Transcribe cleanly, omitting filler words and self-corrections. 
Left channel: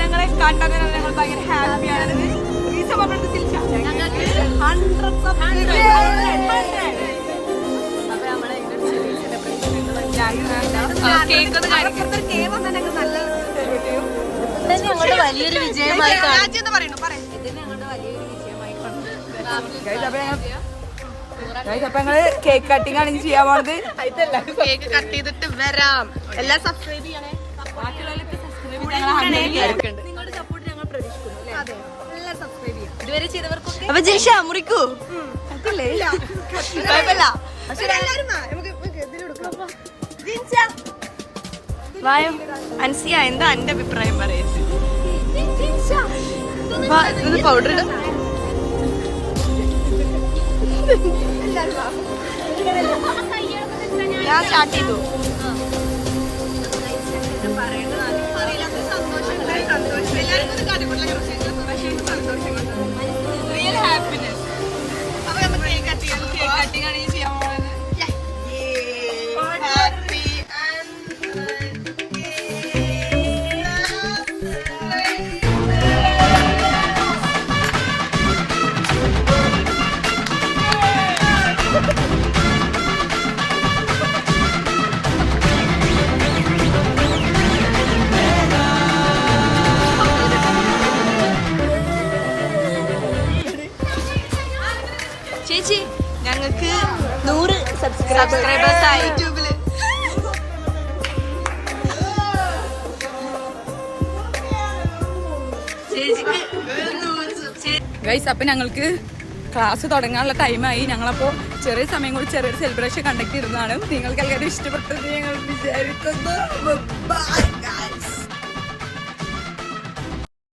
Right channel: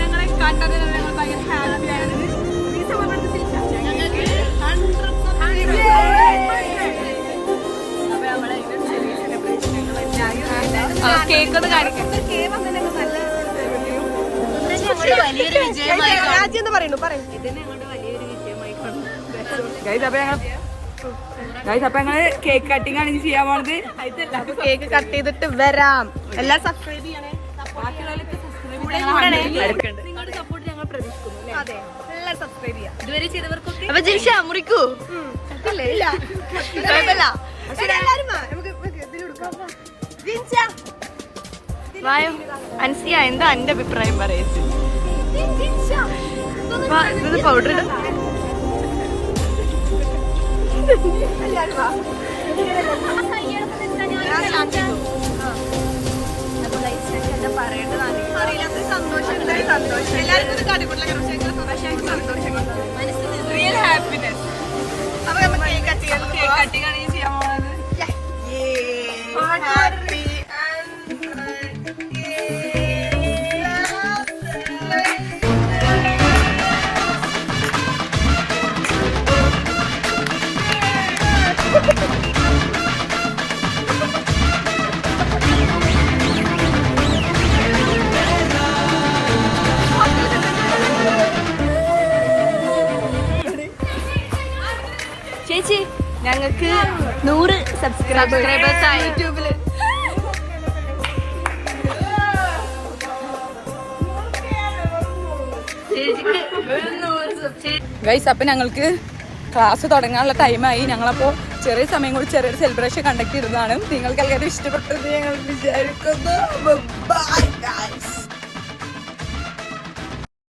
ഞങ്ങളെ കാട്ടാൻ ഭയങ്കര ഹാപ്പിയാണ്. കേക്ക് ഒന്ന് കാണിക്കും. വലിയൊരു വിജയമായി രാജ്യം എന്ന് പറയുന്നു. അപ്പൊ ഞങ്ങള് കേക്ക് കട്ടിംഗ് ആണ് ചെയ്യാൻ പോണത്. കേക്ക് കട്ട് ചെയ്തിട്ട് വരാം. എല്ലാം സബ്സ്ക്രൈബ് ചെയ്യണേ. നിങ്ങളുടെ സപ്പോർട്ട് ഞങ്ങൾ പ്രതീക്ഷിക്കുന്നു. എല്ലാം സബ്സ്ക്രൈബ് ചെയ്യാം. ഇതുവരെ ചെയ്തവർക്കൊക്കെ അപ്പൊ ജിഷ മുറിക്കൂ. അൻസിയ, എന്താ എന്റെ അഭിപ്രായം പറയുന്നത്? പൗഡർ ഇടും. ഞാൻ സ്റ്റാർട്ട് ചെയ്തു. പറയേണ്ടതാണ് അറിയില്ലാത്ത സന്തോഷം. എല്ലാവർക്കും ഇത് കാട്ടിക്കൊണ്ടില്ല. സന്തോഷം, റിയൽ ഹാപ്പിനെസ്. അപ്പൊ നമുക്ക് കേക്ക് കട്ടിങ് ആണ് ചെയ്യാൻ പോകുന്നത്. ചേച്ചി, ഞങ്ങൾക്ക് 100 സബ്സ്ക്രൈബേഴ്സ് ആയി യൂട്യൂബില്. ഗൈസ്, അപ്പൊ ഞങ്ങൾക്ക് ക്ലാസ് തുടങ്ങാനുള്ള ടൈമായി. ഞങ്ങളപ്പോ ചെറിയ സമയം കൂടി ചെറിയൊരു സെലിബ്രേഷൻ കണ്ടക്ട് ചെയ്തതാണ്. നിങ്ങൾക്ക് എല്ലാവരും ഇഷ്ടപ്പെട്ടത് ഞങ്ങൾ വിചാരിക്കുന്നു.